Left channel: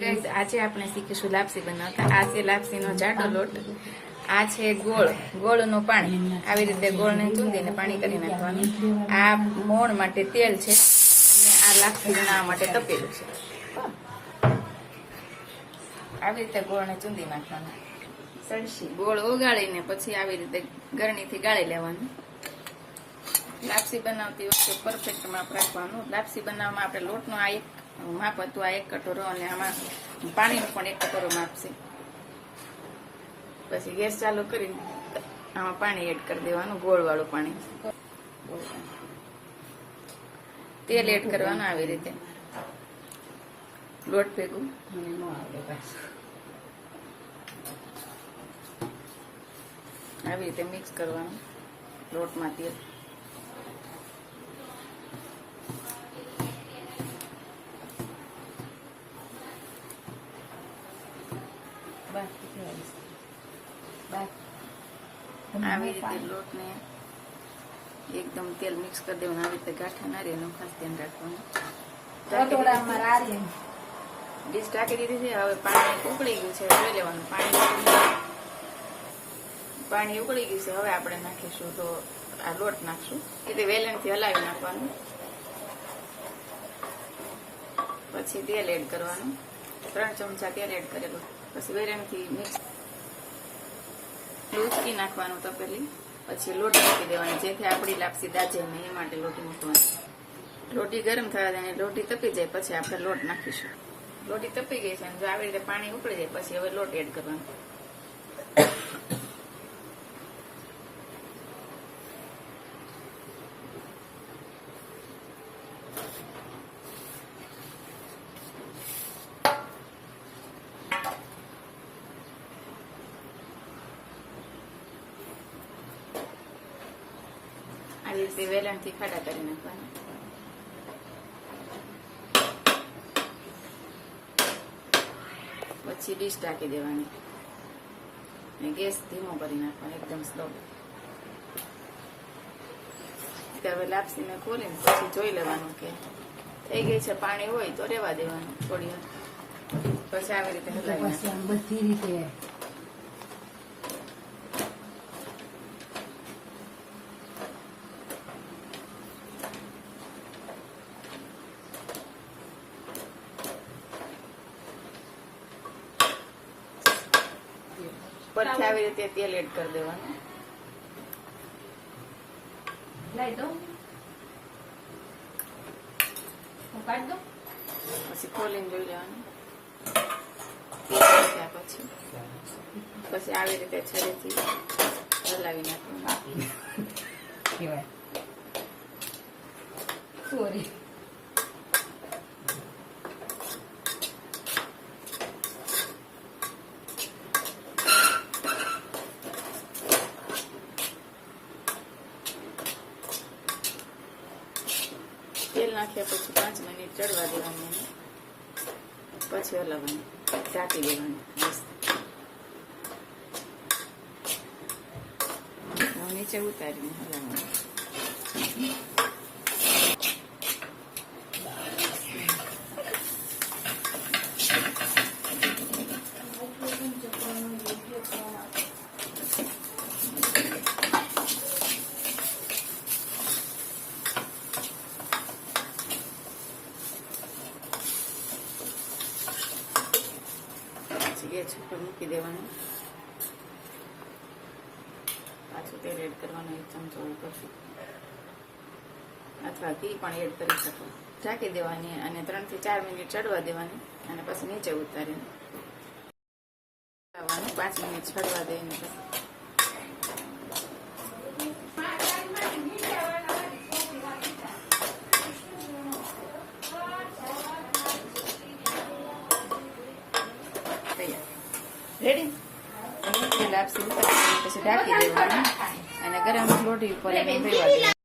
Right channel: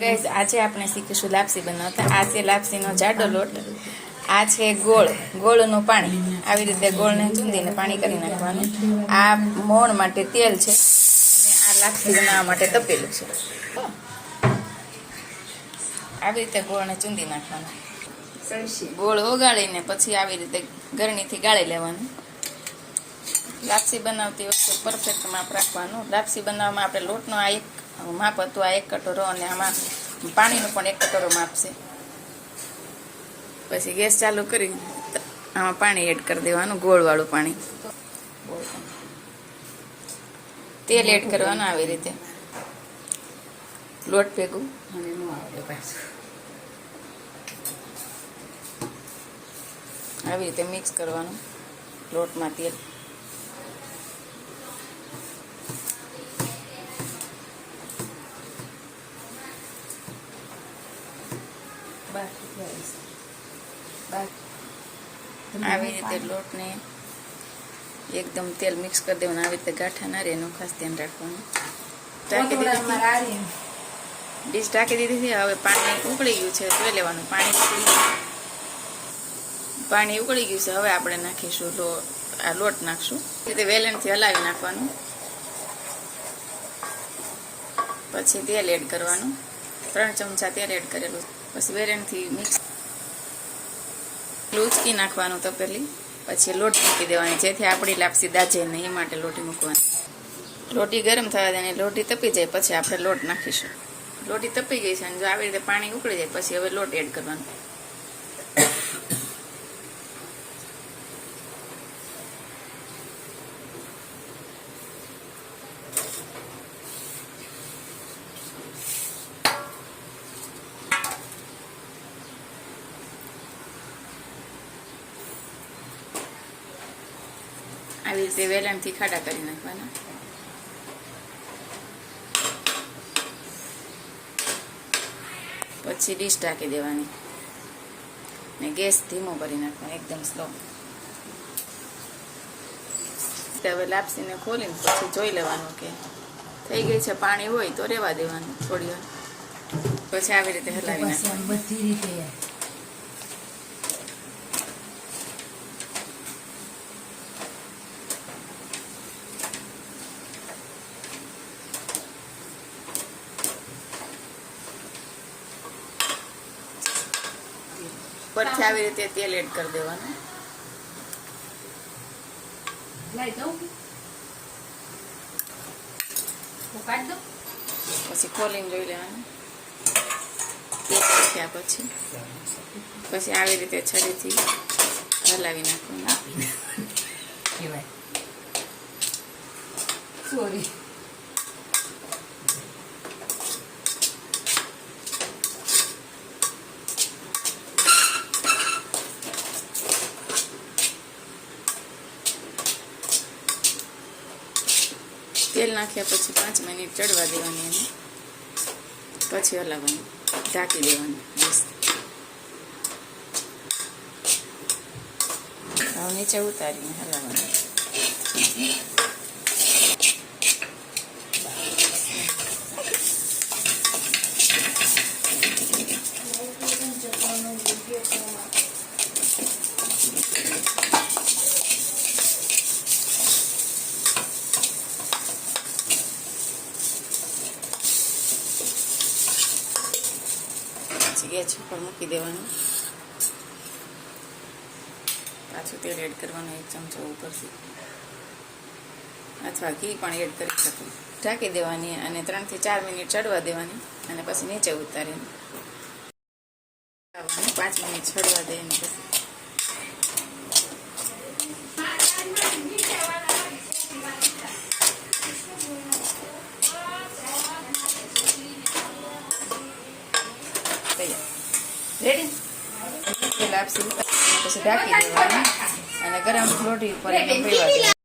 Guys આજે આપણે શીખીશું લાપસી બનાવતા। આ છે લાપસીનો જાડો લોટ, આ છે ગોળનું પાણી। આવી રીતે ગોળને ચૂંદીને પાણી કરી નાખવાનું। આ મોણ માટે તેલ છે અને આ લાપસી બનાવવા માટે તપેલું છે। આવી રીતે ગોળને ચૂંદી નાખવાનું। ગોળ ઓગાળીને પછી આવી રીતે ગરણીથી ગાળી લેવાનું। લાપસી બનાવતી વખતે પરફેક્ટ માપ રાખવાનું। લાપસી બનાવવામાં આપણે લોટનો આ એક માપ હતું, આ 1 કટોરો, અને આમાં પાણીનું પણ 1 કટોરો માપ છે। પછી ગેસ ચાલુ કરી આમાં પાણી એડ કરી દેવાનું, ગોળવાળું પાણી। તેલ એડ કરવાનું આવી રીતે લોટ ભેગું। આવી રીતે મિક્સ કરવાનું લોટમાં તેલ। આવી રીતે લોટને એકદમ તેલ મિક્સ કરી દેવાનું। આવી રીતે ગાંઠા ના રહે એનું ખાસ ધ્યાન રાખવાનું। ડીશ ઢાંકી દીધી છે। હવે પાણી ઉકળી ગયું છે, જોઈ લેવાનું। પાણી ઉકળી ગયું છે। હવે આપણે નાખીશું આ લોટ નાખશું। રીતે વેલણથી હલાવી નાખવાનું। પછી તેલ એડ કરવાનું, 3 ચમચા તેલ એડ કરેલું। પછી વેલણથી મિક્સ ઉચકી નાખવાનું તપેલી। પછી લોટ મૂકી દેવાની, જેથી આપણી લાપસી દાજે નહીં, એ માટે લોટી મૂકવાની। લોટી ગરમ થવા દેવાની, લોટી તપી જાય પછી આપણે લોટ નાખીશું। લોટી તપી ગઈ છે અને જો આવી રીતે પાણી ઉકળી જાય પછી હવે લોટ એડ કરવાનો। આવી રીતે વેલણથી ખાડા કરી નાખવાના। પછી ડીશ ઢાંકી દેવાની ને ગેસ ધીમો કરી નાખવાનો, એકદમ સ્લો। હવે લાપસીને ખોલીને પછી જોઈ લેવાનું કે થઈ ગઈ છે। પાણી હોય તો રહેવા દેવાનું થોડી વાર, પછી આવી રીતે હલાવી નાખવાનું બધી રીતે। પછી આવી રીતે તેલ એડ કરી દેવાનું। પછી ખોલીને જોઈ લેવાનું તેલ નાખ્યા પછી આવી રીતે છરીથી હલાવી નાખવાનું। સોરી તેલ નાખ્યા પછી 5 મિનિટ ચડવા દેવાની અને પછી હલાવવાનું, ઢાંકી દેવાનું। હવે નીચે ઉતારીને હલાવવાનું। ગેસ ઉપર મૂકી દેવાનું, પાછું તેલ એડ કરવાનું 1 ચમચો ઉપરથી, અથવા ઘી પણ એડ કરી શકો। ઢાંકી દેવાની અને 3 થી 4 મિનિટ ચડવા દેવાની અને પછી નીચે ઉતારીને 5 મિનિટ ચડવા દઈને રેડી લાપસી પછી ઢાંકી દેવાની અને ગરમ રોટી ઉપર એકદમ પીવા દેવાની।